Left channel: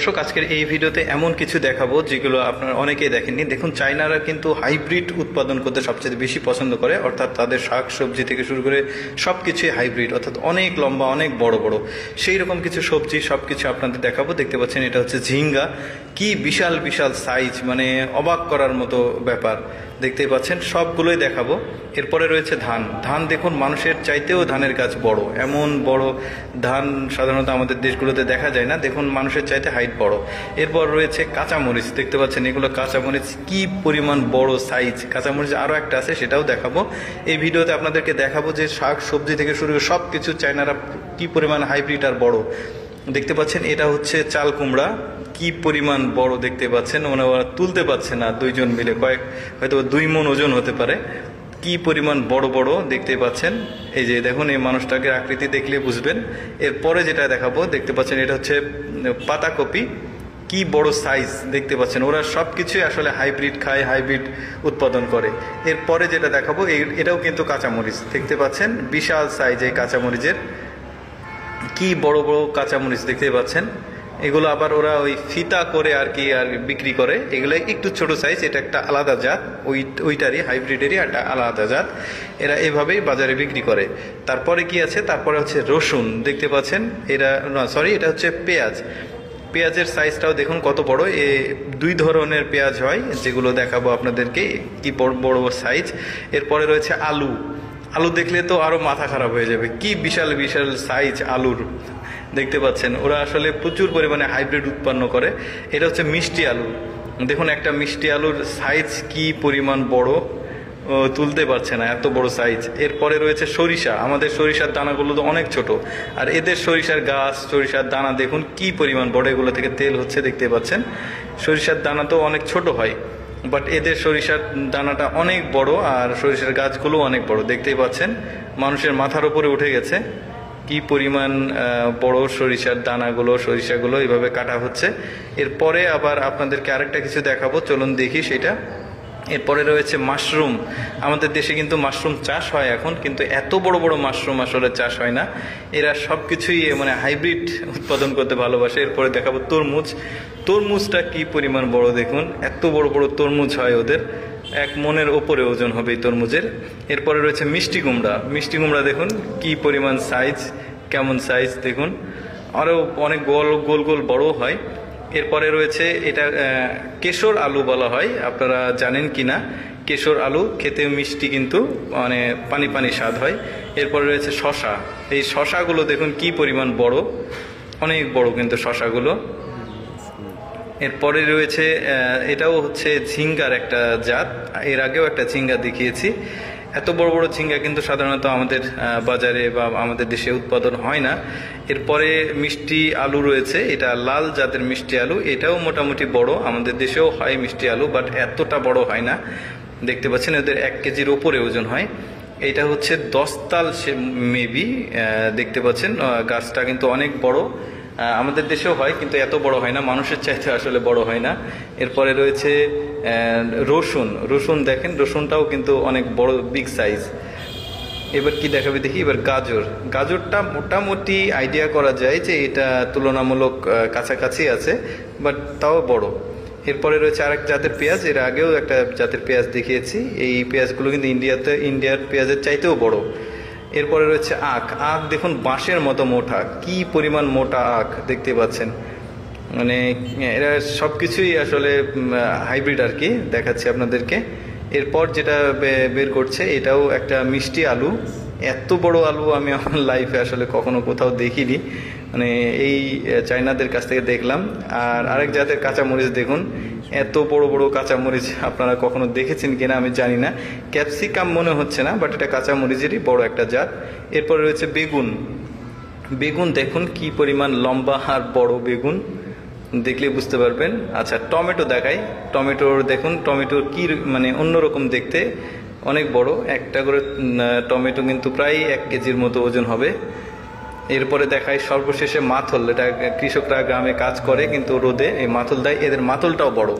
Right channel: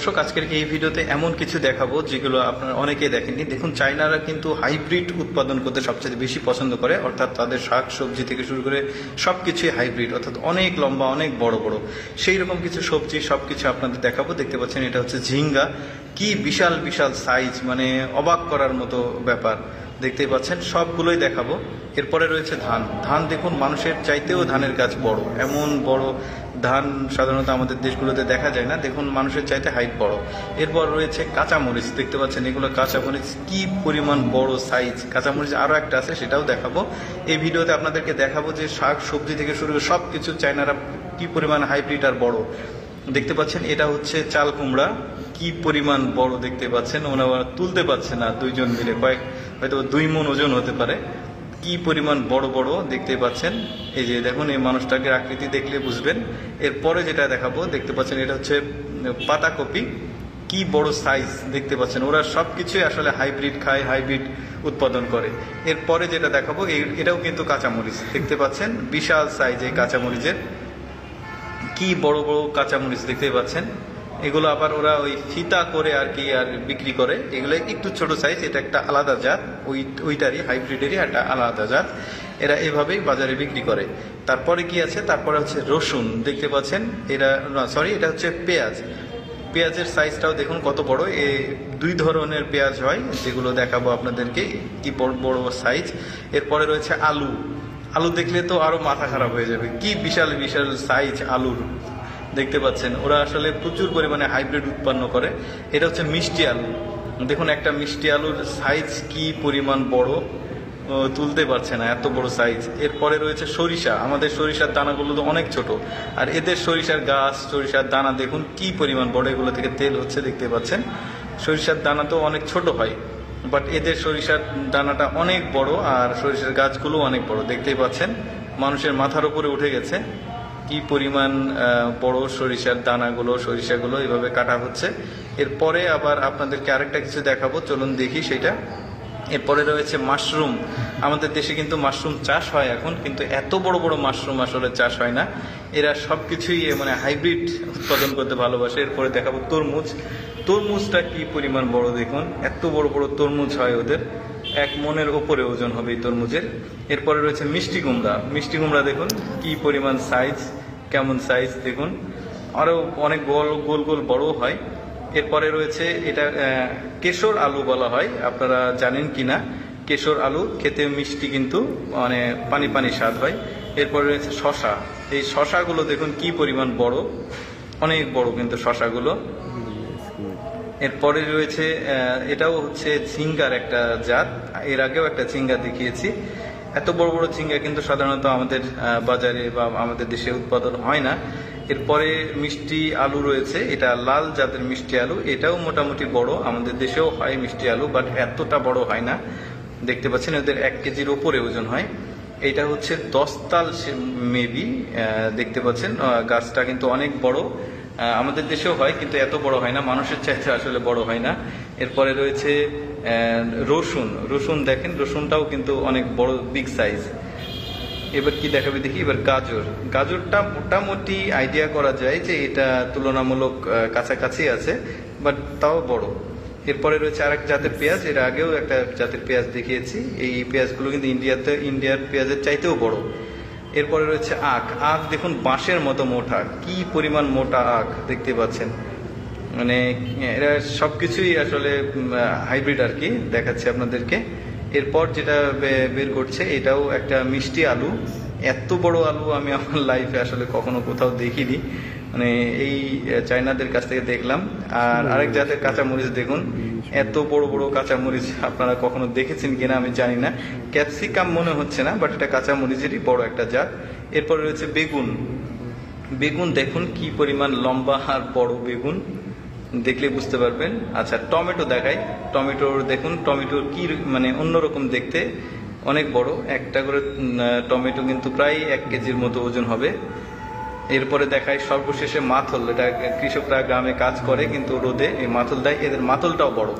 দর্শক, আজকের এই ভিডিওতে এমন কিছু দেখাবো যেগুলো আপনারা অনেকেই দেখেননি। দেখুন, চায়নারা কিন্তু হাইব্রিড উৎপাদন করতে সবচেয়ে বেশি পছন্দ করে, অর্থাৎ তাদের শাক সবজি থেকে শুরু করে সবকিছুই হাইব্রিড, অর্থাৎ অনেক লম্বা, অনেক বড় বড় সেই রকম কিছু সবজি সবকিছু আপনাদের দেখাবো। দেখতে পাচ্ছেন, এটা হচ্ছে ঝিঙ্গা। কি বিশাল বিশাল সাইজ, মানে অবাক করার মতো ব্যাপার। দেখতে পাচ্ছেন, সবগুলোই দেখাবো। এরপরে রয়েছে ধান। ধান দেখুন, মানুষের চাইতেও ধানের গাছ বড়। এমন বড় ধান সাধারণত আমাদের দেশগুলোতে দেখা যায় না। দেখুন, মানুষের চাইতে হাইট বড়। এরপর রয়েছে কাঁচামরিচ। দেখতে পাচ্ছেন, এগুলো কাঁচামরিচ, কি পরিমাণ বড় সাইজ। কাঁচামরিচ আরও একটা আছে, সেটাও দেখাবো। এই ভিডিওতে আপনাদেরকে দেখাবো যে শাক সবজি থেকে শুরু করে সব কিছু চায়নারা কি পরিমাণ হাইব্রিড আর বড়। দেখতে পাচ্ছেন, এটা হচ্ছে চাল কুমড়া। কি পরিমাণ বড় দেখতে পাচ্ছেন। ওনারা তুলতে পারছে না, দুইজন মিলে হয়তো 2 মণ ওজন হতে পারে। কি পরিমাণ বড় বড় দেখতে পাচ্ছেন। এই যে দেখুন, এই মানুষটাকে আকৃতি দেখলে বুঝবেন। এরপরে যেটা দেখাবো, দেখতে পাচ্ছেন, এটা হচ্ছে পাতাকপি। কি বড় সাইজ দেখতে পাচ্ছেন। ওরা সবকিছুই আসলে হাইব্রিড খায়, হাইব্রিড উৎপাদন করে। এরপরে যেটা দেখাবো, এটাও কিন্তু কাঁচামরিচ। দেখতে পাচ্ছেন, বিশাল সাইজ এই কাঁচামরিচের। কি বড় বড় কাঁচামরিচ দেখতে পাচ্ছেন। এগুলো আবার ওরা ওই ফিতা করে আর বিক্রি করে। এগুলো একটু ছোট সাইজ, এটা একটা আলাদা জাত, ওইটারই হাইব্রিডেরই একটা আলাদা জাত। এরা এভাবেই বাজারে বিক্রি করে। তারপরে কি আছে, তারপরে হচ্ছে রসুন। দেখতে পাচ্ছেন, এটা হচ্ছে পেঁয়াজ। পেঁয়াজের সাইজটাও দেখুন কত বড়। 2 ধরনের পেঁয়াজ হয়, যেগুলো দেখাবো আপনাদেরকে, কি বড় বড় সাইজ। এরপরে রয়েছে আলু। আলু দেখলে তো আরো মাথা খারাপ হয়ে যাবে। কি বিশাল বিশাল সাইজ আলুর। দেখতে পাচ্ছেন, ওরা আসলে প্রচুর পরিমাণে হাইব্রিড উৎপন্ন করে। এটা হচ্ছে মিষ্টি আলু। দেখুন, একটা মিষ্টি আলুর সাইজ কি পরিমাণ বড়, তুলতে পারছে না, এত বড় সাইজ। এরপরে রয়েছে সরিষা। আমাদের সরিষার দানাগুলো তো অনেক ছোট, আর এদের সরিষার গাছ, সরিষার দানা দেখুন কি পরিমাণ বড়। এগুলো থেকে তেল হচ্ছে, দেখতে পাচ্ছেন। সরিষার দানা তো অনেক ছোট হয়, বাট এদের সরিষার দানাটা অনেক বড়, আর সরিষার গাছগুলো অনেক বড়। দেখতেই পাচ্ছেন, মানুষের মাথার উপরে উঠে গেছে। কি পরিমাণ বড় সরিষার দানাগুলো, সরিষাগুলো এইভাবে কাটা হচ্ছে। এরপরে আবার আপনাদেরকে আরেকটা কিছু দেখাবো, চলুন দেখি সেটা। এরপরে রয়েছে মাশরুম। আমাদের দেশে কিন্তু মাশরুম চাষ হয় এখন, কিন্তু এত বড় বড় মাশরুম আসলে চাষ হয় না। এরা সবকিছুই মানে হাইব্রিড উৎপাদন করতে ভালোবাসে। এরপরে দেখাবো তরমুজ। তরমুজটা কি পরিমাণ বড় দেখুন, এত বড় বড় তরমুজ হয় ওদের। 1 মণের ওপরে ওজন হবে এই তরমুজের। এরপরে রয়েছে মিষ্টি কুমড়া। মিষ্টি কুমড়া দেখুন কি পরিমাণ সাইজ, কেমন সাইজ দেখুন। আরও অনেক গোল গোল গোল বড় হয়। এরপরে রয়েছে, এটা কেশর আলু বলা হয়, আপনারা জানেন কিনা। কেশর আলু খেতে মিষ্টি, কিন্তু মানে পানি পানি স্বাদ হয়। এরপরে রয়েছে শশা। এই শশাগুলো দেখুন কি পরিমাণ বড়, অনেক বড় কিন্তু শশাগুলো। এরপরে রয়েছে, এটাও হচ্ছে ঝিঙ্গার একটা জাত। এর আগেও একটা ঝিঙ্গা দেখিয়েছি। এত বড় বড় ঝিঙ্গা কিন্তু সাধারণত আমাদের বাজারে বা আমাদের দেশে উৎপাদন হয় না। এরপরে মিষ্টি আলু রয়েছে, এটা লাল জাতের মিষ্টি আলু। এটাও মোটামুটি বড়, আমাদের দেশেও হয় মিষ্টি আলু, বাট এতটা বড় হয় না। দেখতে পাচ্ছেন, এদের 1 কেজির ওপরে ওজন হয়। এটা হচ্ছে 10 তাল মেবি। দেখতে পাচ্ছেন, গাছটা কিন্তু অনেক বড়। আমাদের দেশেও হয়, কিন্তু এত বড় হয় না, মানুষের চাইতে আসলে বড় হয় না। এরপরে রয়েছে রসুন। রসুন দেখেন, রসুনটাও কিন্তু অনেক বড়, বিগ সাইজ। এবার কি দেখাবে দেখি। এবার গাজর। গাজরটা মোটামুটি আইডিয়া করা যায় যে এটা তুলনামূলক কাছাকাছি আছে, বাট তাও বড়। এরপরে রয়েছে আরেক জাতের পেঁয়াজ। এর আগেও একটা জাতের পেঁয়াজ দেখিয়েছি। এই পেঁয়াজগুলো কিন্তু ইন্ডিয়ার পেঁয়াজের চাইতেও বড়। এরপরে রয়েছে আখ। আখ দেখুন বাঁশের মতো মোটা, কি পরিমাণ মোটা আখ দেখতে পাচ্ছেন। মানে এরা সবকিছুই আসলে হাইব্রিড আর কি, দেখাচ্ছি আপনাদেরকে। এরপর যেটা বের করছে, এটাও একটা মিষ্টি আলু। এত বড় আলু আমি আমার লাইফে আসলে কখনো কোথাও দেখিনি, মানে এই চাইনাদের কাছ থেকে দেখলাম। আর আরেক জাতের কাঁচামরিচ দেখুন, এত বড় বড় কাঁচামরিচ আপনারা কখনো দেখেছেন কিনা আমি জানি না। ক্যাপসিকাম মনে হচ্ছে না, বাট এটা কাঁচামরিচেরই বড় একটা জাত। এরপরে রয়েছে বেগুন। বেগুন দেখুন কি পরিমাণ লম্বা আর বড় বেগুন, দেখলে বুঝতে পারবেন। আচ্ছা, টমেটো দেখাই। টমেটোর দেখুন, টমেটোর কি মানে অন্যরকম দেখতে, অনেক বড়। একটা করে টমেটো কিন্তু প্রায় 1 কেজির মতো ওজন হবে। এরপরে দেখাই সর্বশেষে মাথল। এটা কৃষকরা গ্রামে কাজ করে কিন্তু রোদে এই মাথল দেয়, এদের মাথলটাও বড়।